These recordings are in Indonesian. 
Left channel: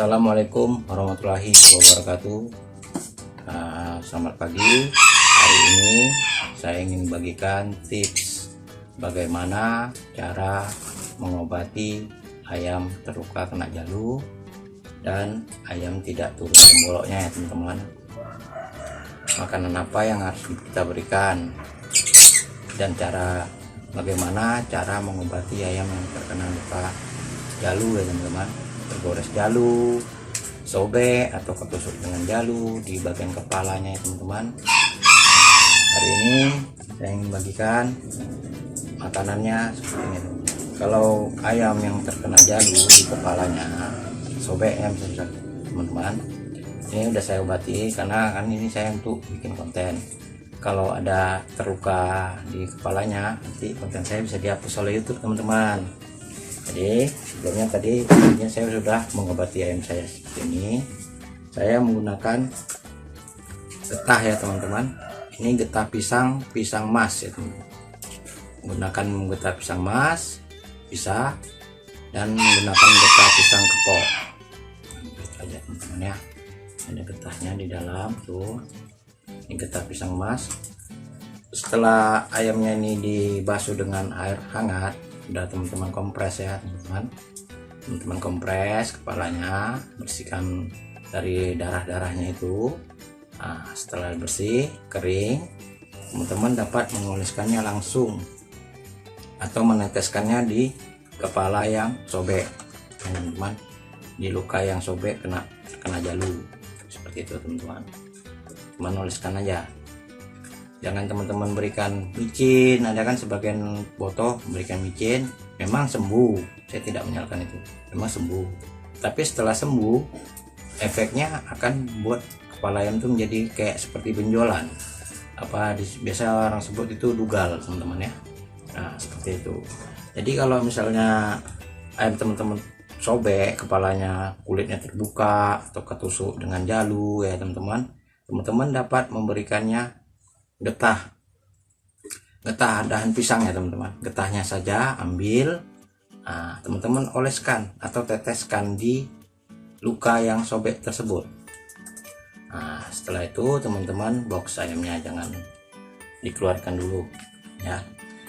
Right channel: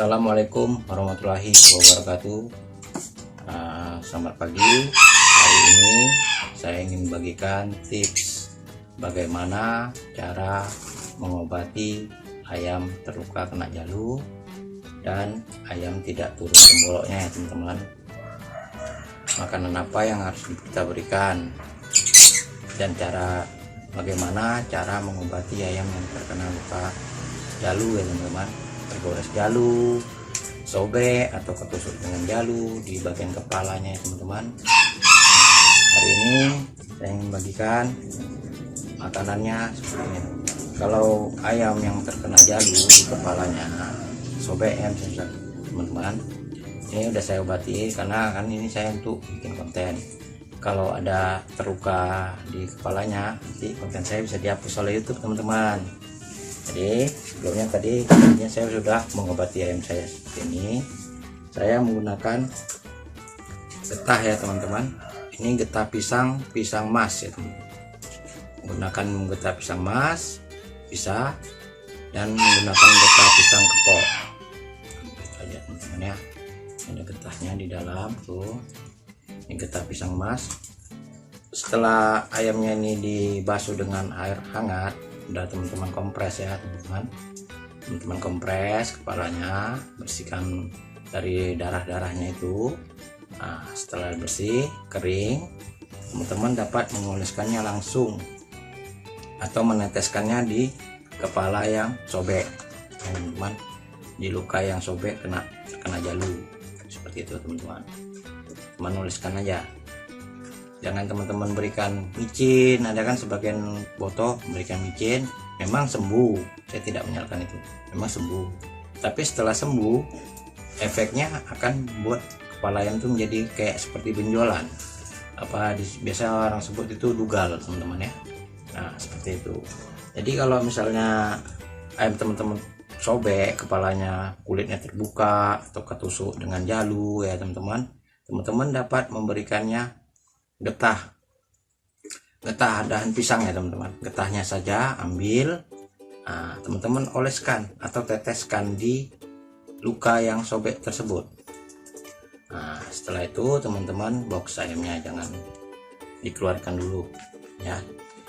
Assalamualaikum warahmatullahi wabarakatuh. Selamat pagi. Hari ini saya ingin bagikan tips bagaimana cara mengobati ayam terluka kena jalu dan ayam tidak turun temboloknya ya teman-teman. Makanan apa yang harus kita berikan dan bagaimana cara mengobati ayam yang terkena luka jalu ya teman-teman. Tergores jalu, sobek atau ketusuk dengan jalu di bagian kepalanya ya teman-teman. Hari ini saya ingin bagikan makanannya seperti ini. Kalau ayam yang terkena jalu di kepalanya, sobek ya teman-teman, ini udah saya obati karena kan ini saya untuk bikin konten. Kalau ada terluka di kepalanya, nanti konten saya bisa dihapus oleh YouTube teman-teman. Jadi sebelumnya tadi saya sudah mengobati ayam saya seperti ini. Saya menggunakan getah ya teman-teman. Ini getah pisang mas ya teman-teman. Menggunakan getah pisang mas bisa, dan menggunakan getah pisang kepok. Aja teman-teman ya. Ada getahnya di dalam tuh. Ini getah pisang mas. Setelah ayamnya ini dibasuh dengan air hangat, udah teman-teman kompres ya teman-teman kompres kepalanya, bersihkan dari darah-darahnya itu. Nah, setelah bersih kering, teman-teman dapat mengoleskannya langsung atau meneteskannya di kepala yang sobek teman-teman, di luka yang sobek kena jalu seperti itu teman-teman. Oleskan aja, jangan teman-teman berikan micin. Ada kan sebagian botoh memberikan micin, memang sembuh, saya tidak menyalahkan itu, memang sembuh. Tapi setelah sembuh, efeknya akan buat kepala ayam itu menjadi kayak seperti benjolan, biasa orang sebut itu dugal teman-teman ya. Nah seperti itu. Jadi kalau misalnya ayam teman-teman sobek kepalanya, kulitnya terbuka atau ketusuk dengan jalu ya teman-teman dapat memberikannya getah dahan pisang ya teman-teman. Getahnya saja ambil, teman-teman oleskan atau teteskan di luka yang sobek tersebut. Setelah itu teman-teman box ayamnya jangan dikeluarkan dulu ya,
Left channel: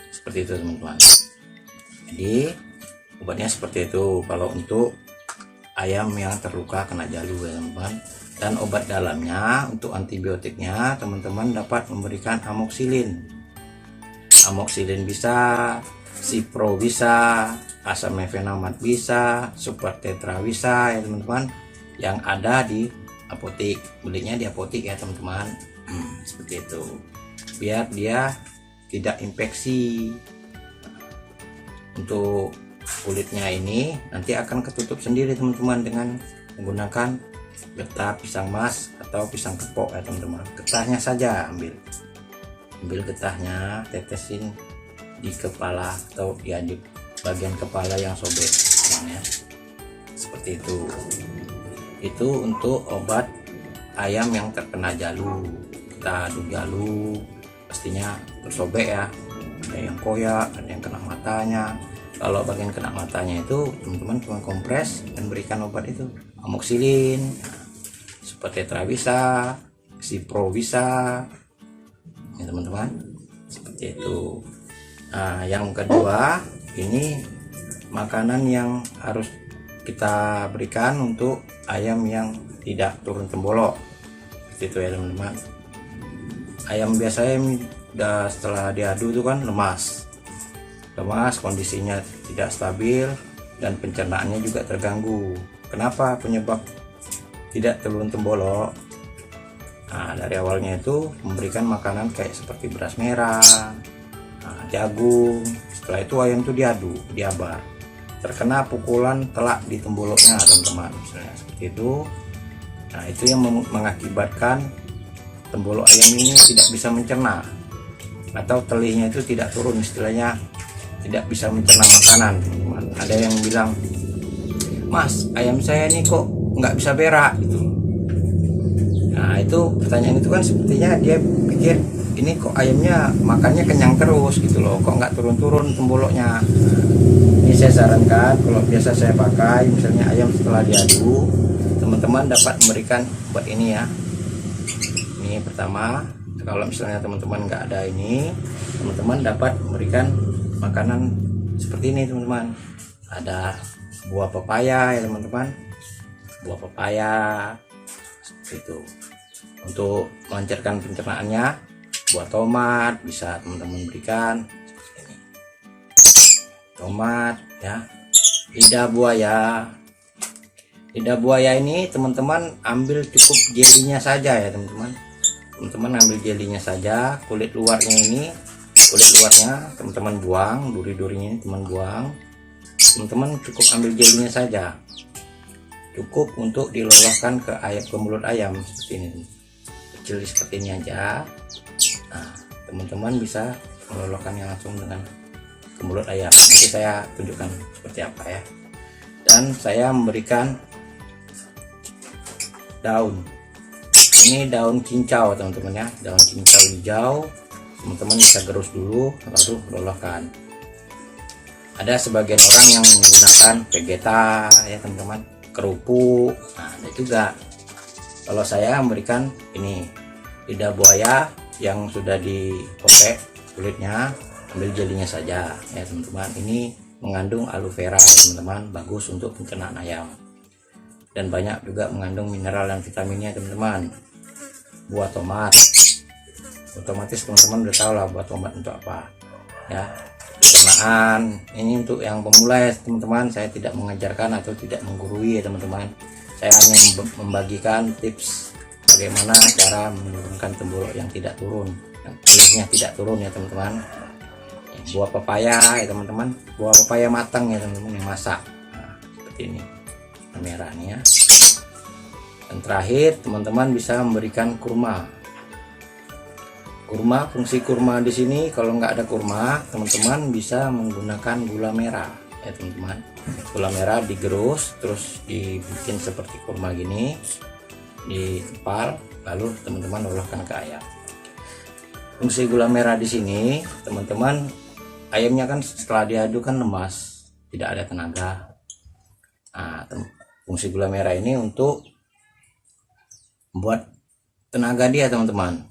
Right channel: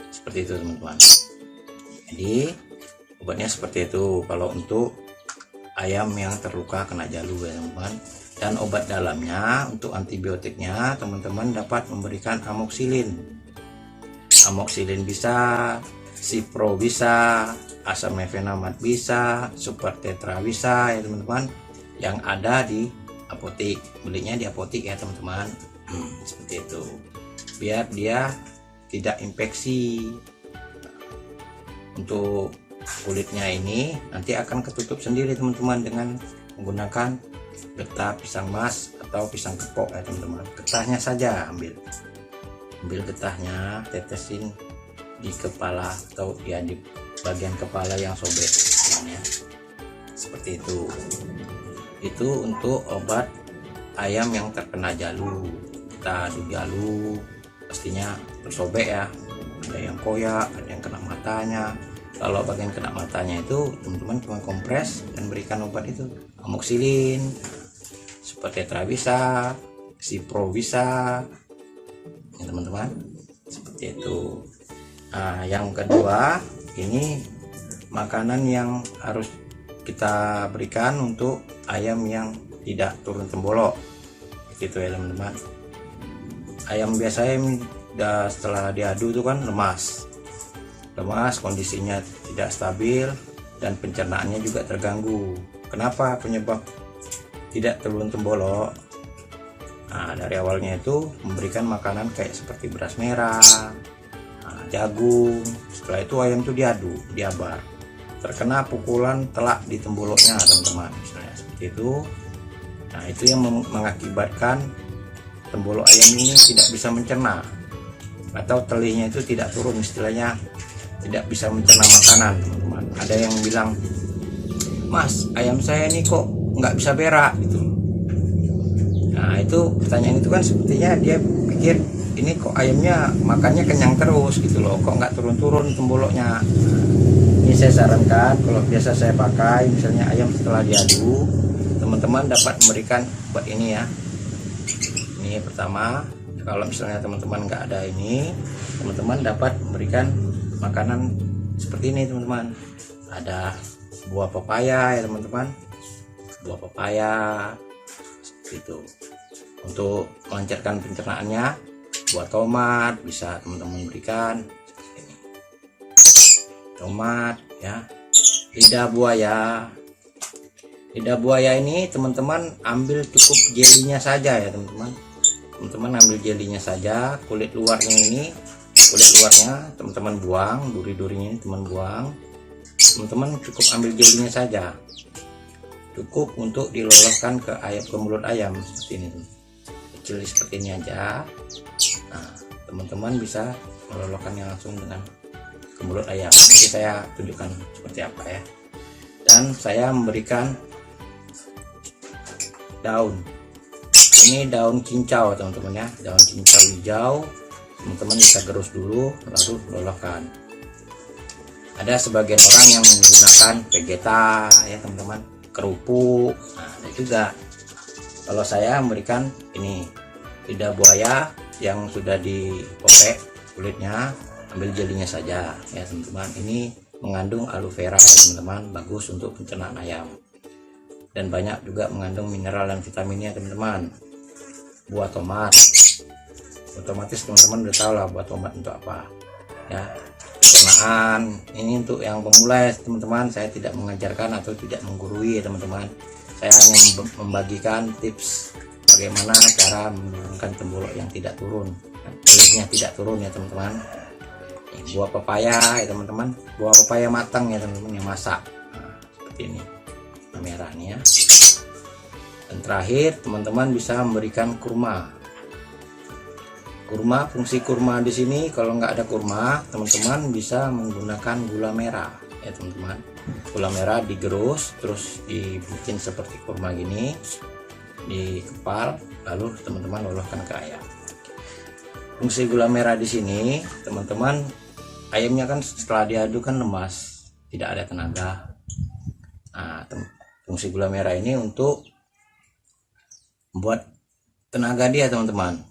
seperti itu teman-teman. Jadi obatnya seperti itu kalau untuk ayam yang terluka kena jalu ya teman-teman. Dan obat dalamnya untuk antibiotiknya teman-teman dapat memberikan amoxilin bisa, cipro bisa, asam mefenamat bisa, super tetra bisa ya teman-teman, yang ada di apotek. Belinya di apotek ya teman-teman. Seperti itu, biar dia tidak infeksi. Untuk kulitnya ini nanti akan ketutup sendiri teman-teman dengan menggunakan getah pisang mas atau pisang kepok ya teman-teman. Getahnya saja ambil getahnya, tetesin di kepala atau ya di bagian kepala yang sobek ya. Seperti itu untuk obat ayam yang terkena jalu. Kita adu jalu pastinya tersobek ya, ada yang koyak, ada yang kena matanya. Kalau bagian kena matanya itu teman-teman cuma kompres dan berikan obat itu, amoxilin, super tetra bisa, cipro bisa ya teman-teman. Seperti itu. Yang kedua, ini makanan yang harus kita berikan untuk ayam yang tidak turun tembolok. Seperti itu ya teman-teman. Ayam biasanya setelah diadu itu kan lemas, kondisinya tidak stabil dan pencernaannya juga terganggu. Kenapa penyebab tidak turun tembolok? Dari awalnya itu memberikan makanan kayak seperti beras merah, jagung. Setelah itu ayam itu diabar, terkena pukulan telak di temboloknya teman-teman, misalnya seperti itu. Itu yang mengakibatkan tembolok ayam ini tidak bisa mencerna, atau telihnya itu tidak turun, istilahnya tidak bisa mencerna makanan teman-teman. Ada yang bilang, mas ayam saya ini kok nggak bisa berak gitu. Itu pertanyaan itu kan sepertinya dia pikir ini kok ayamnya makannya kenyang terus gitu loh, kok nggak turun-turun temboloknya. Ini saya sarankan kalau biasa saya pakai, misalnya ayam setelah diadu teman-teman dapat memberikan buat ini ya. Ini pertama, kalau misalnya teman-teman nggak ada ini, teman-teman dapat memberikan makanan seperti ini teman-teman. Ada buah pepaya ya teman-teman, buah pepaya seperti itu. Untuk melancarkan pencernaannya, buah tomat bisa teman-teman berikan seperti ini. Tomat ya. Lidah buaya. Lidah buaya ini teman-teman ambil cukup jelinya saja ya teman-teman. Teman-teman ambil jelinya saja, kulit luarnya ini, kulit luarnya teman-teman buang, duri-durinya teman buang. Teman-teman cukup ambil jelinya saja. Cukup untuk diloloskan ke mulut ayam seperti ini. Kecil seperti ini aja. Nah, teman-teman bisa meloloskannya langsung dengan ke mulut ayam. Nanti saya tunjukkan seperti apa ya. Dan saya memberikan daun. Ini daun cincau teman-teman ya, daun cincau hijau. Teman-teman bisa gerus dulu lalu loloskan. Ada sebagian orang yang menggunakan vegeta ya teman-teman, kerupuk. Nah, ada juga. Kalau saya memberikan ini lidah buaya yang sudah dipopek kulitnya, ambil jelinya saja ya teman-teman. Ini mengandung aloe vera ya teman-teman, bagus untuk pencernaan ayam. Dan banyak juga mengandung mineral dan vitaminnya teman-teman. Buah tomat, otomatis teman-teman udah tahu lah buah tomat untuk apa ya. Pencernaan ini untuk yang pemula ya teman-teman. Saya tidak mengajarkan atau tidak menggurui ya teman-teman. Saya hanya membagikan tips bagaimana cara menurunkan tembolok yang tidak turun, yang kulitnya tidak turun ya teman-teman. Buah pepaya ya teman-teman, buah pepaya matang ya teman-teman, yang masak. Nah, seperti ini merah nih ya. Dan terakhir teman-teman bisa memberikan kurma. Kurma, fungsi kurma di sini kalau nggak ada kurma, teman-teman bisa menggunakan gula merah ya teman-teman. Gula merah digerus terus dibikin seperti kurma gini, dikepal, lalu teman-teman oloskan ke ayam. Fungsi gula merah di sini teman-teman, ayamnya kan setelah diaduk kan lemas, tidak ada tenaga. Nah, fungsi gula merah ini untuk membuat tenaga dia teman-teman,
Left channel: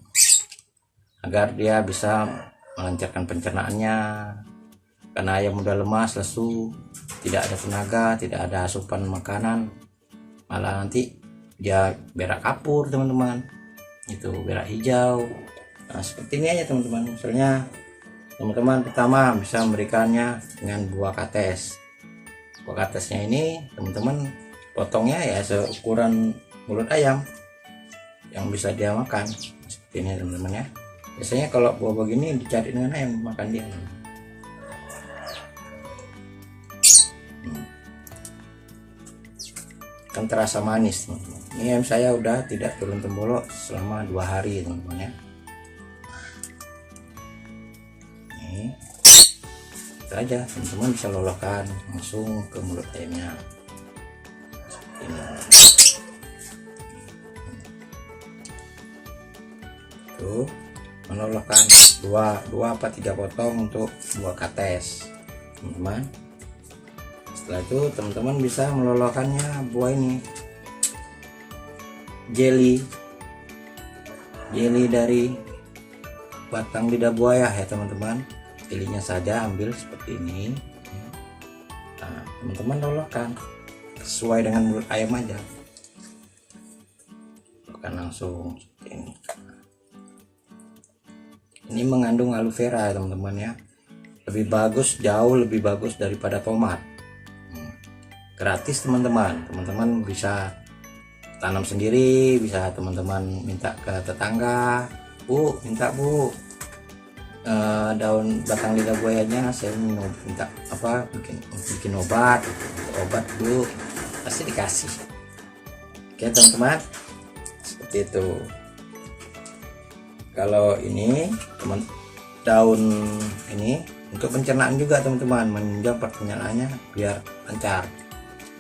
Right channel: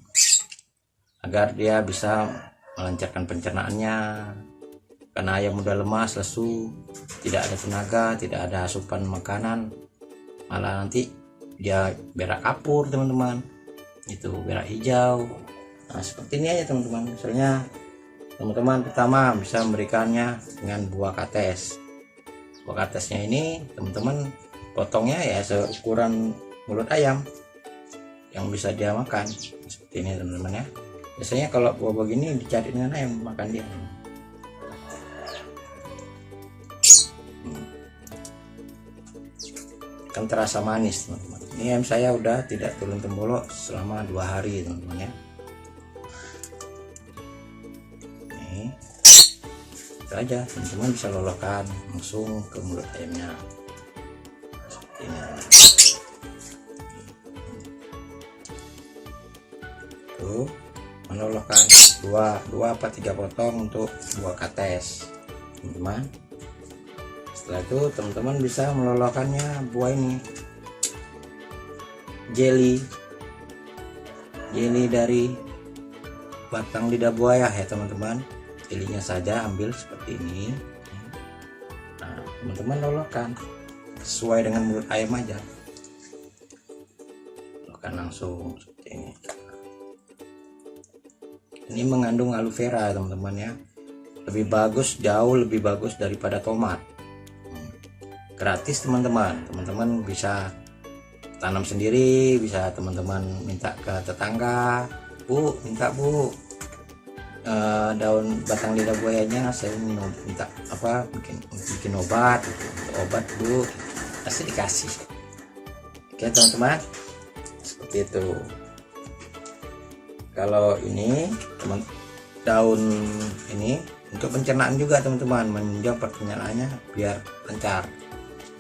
agar dia bisa melancarkan pencernaannya. Karena ayam mudah lemas, lesu, tidak ada tenaga, tidak ada asupan makanan, malah nanti dia berak kapur teman-teman, itu berak hijau. Nah, seperti ini aja teman-teman. Misalnya teman-teman pertama bisa memberikannya dengan buah kates. Buah katesnya ini teman-teman potongnya ya seukuran mulut ayam yang bisa dia makan seperti ini teman-teman ya. Biasanya kalau buah begini dicari dengan ayam makan dia. Kan terasa manis teman-teman. Ini ayam saya udah tidak turun tembolok selama 2 hari teman-teman ya. Ini itu aja teman-teman, bisa loloskan langsung ke mulut ayamnya seperti ini. Tuh, meloloskan 2 apa 3 potong untuk buah kates teman-teman. Setelah itu teman-teman bisa meloloskannya buah ini, jeli dari batang lidah buaya ya teman-teman. Jelinya saja ambil seperti ini. Nah, teman-teman loloskan sesuai dengan mulut ayam aja, loloskan langsung seperti ini. Ini mengandung aloe vera teman-teman ya, lebih bagus, jauh lebih bagus daripada tomat. Gratis teman-teman, teman-teman bisa tanam sendiri, bisa teman-teman minta ke tetangga, Bu, minta Bu, daun batang lidah buayanya saya minta apa, bikin obat, obat Bu, pasti dikasih. Oke teman-teman, seperti itu. Kalau ini daun ini untuk pencernaan juga teman-teman, menunjang pencernaannya biar lancar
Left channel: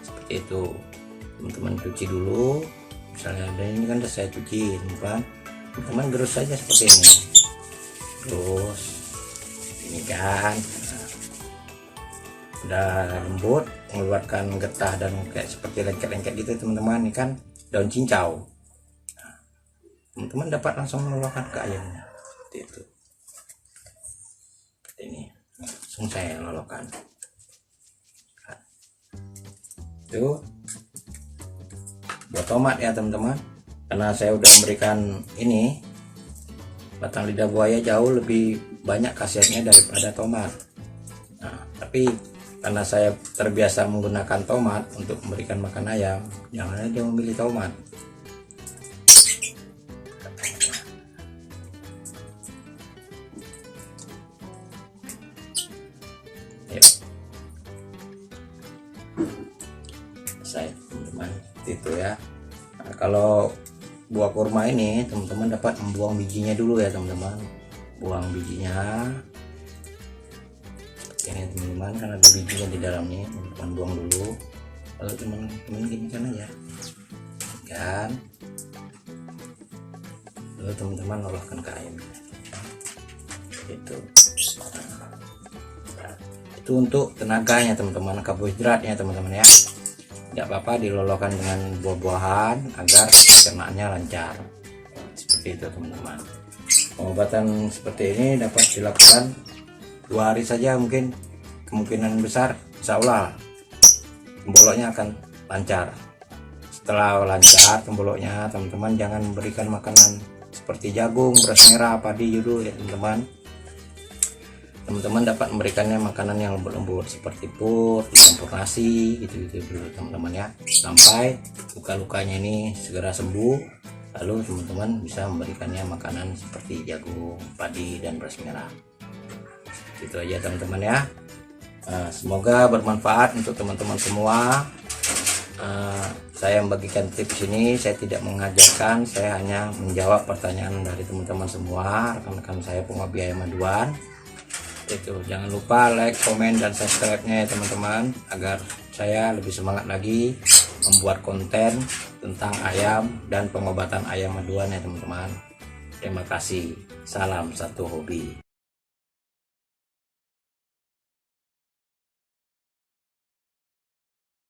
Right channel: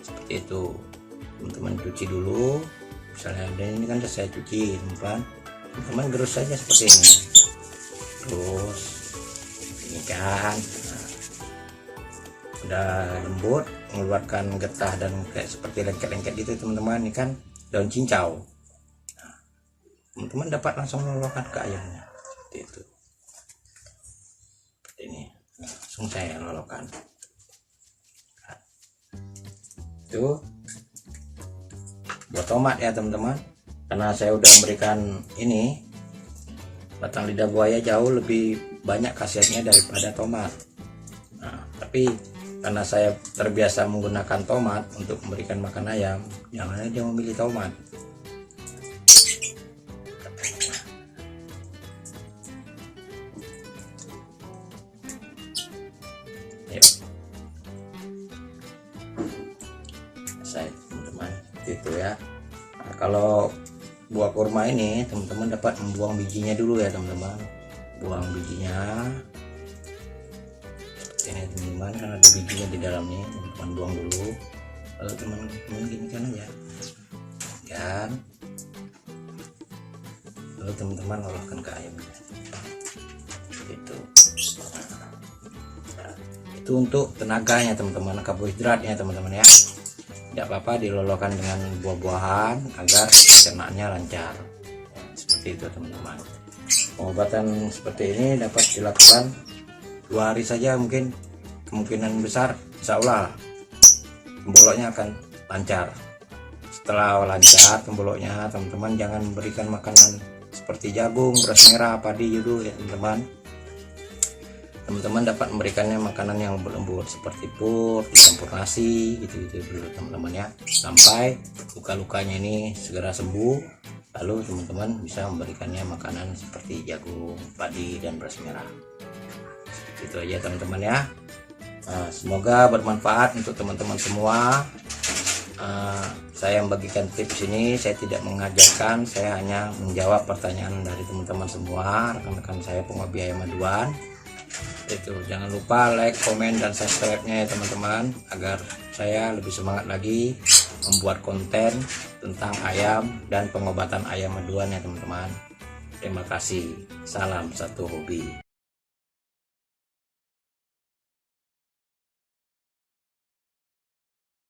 seperti itu. Teman-teman cuci dulu, misalnya ada ini kan udah saya cuci teman-teman, gerus saja seperti ini, terus ini kan udah lembut, mengeluarkan getah dan kayak seperti lengket-lengket gitu teman-teman. Ini kan daun cincau. Nah, teman-teman dapat langsung lolokkan ke ayamnya seperti itu. Seperti ini, langsung saya lolokkan. Itu buat tomat ya teman-teman, karena saya udah memberikan ini batang lidah buaya jauh lebih banyak khasiatnya daripada tomat. Nah, tapi karena saya terbiasa menggunakan tomat untuk memberikan makan ayam, jangan aja memilih tomat. Ayo. Saya teman-teman itu ya. Nah, kalau buah kurma ini teman-teman dapat membuang bijinya dulu ya teman-teman. Buang bijinya ini teman-teman, kan ada bijinya di dalamnya, teman-teman buang dulu. Lalu teman-teman gini kan aja kan, lalu teman-teman olahkan ke ayamnya gitu. Nah, itu untuk tenaganya teman-teman, karbohidratnya teman-teman ya. Tidak apa-apa dilolokkan dengan buah-buahan agar pencernaannya lancar. Seperti itu teman-teman. Pengobatan seperti ini dapat dilakukan 2 hari saja, mungkin kemungkinan besar insya Allah temboloknya akan lancar. Setelah lancar temboloknya, teman-teman jangan memberikan makanan seperti jagung, beras merah, padi dulu ya teman-teman. Teman-teman dapat memberikannya makanan yang lembut-lembut seperti pur, dicampur nasi gitu-gitu dulu teman-teman ya, sampai luka-lukanya ini segera sembuh. Lalu teman-teman bisa memberikannya makanan seperti jagung, padi, dan beras merah. Itu aja teman-teman ya. Semoga bermanfaat untuk teman-teman semua. Saya membagikan tips ini, saya tidak mengajarkan, saya hanya menjawab pertanyaan dari teman-teman semua, rekan-rekan saya penghobi ayam maduan. Itu jangan lupa like, komen, dan subscribe-nya ya teman-teman, agar saya lebih semangat lagi membuat konten tentang ayam dan pengobatan ayam maduan ya teman-teman. Terima kasih. Salam satu hobi.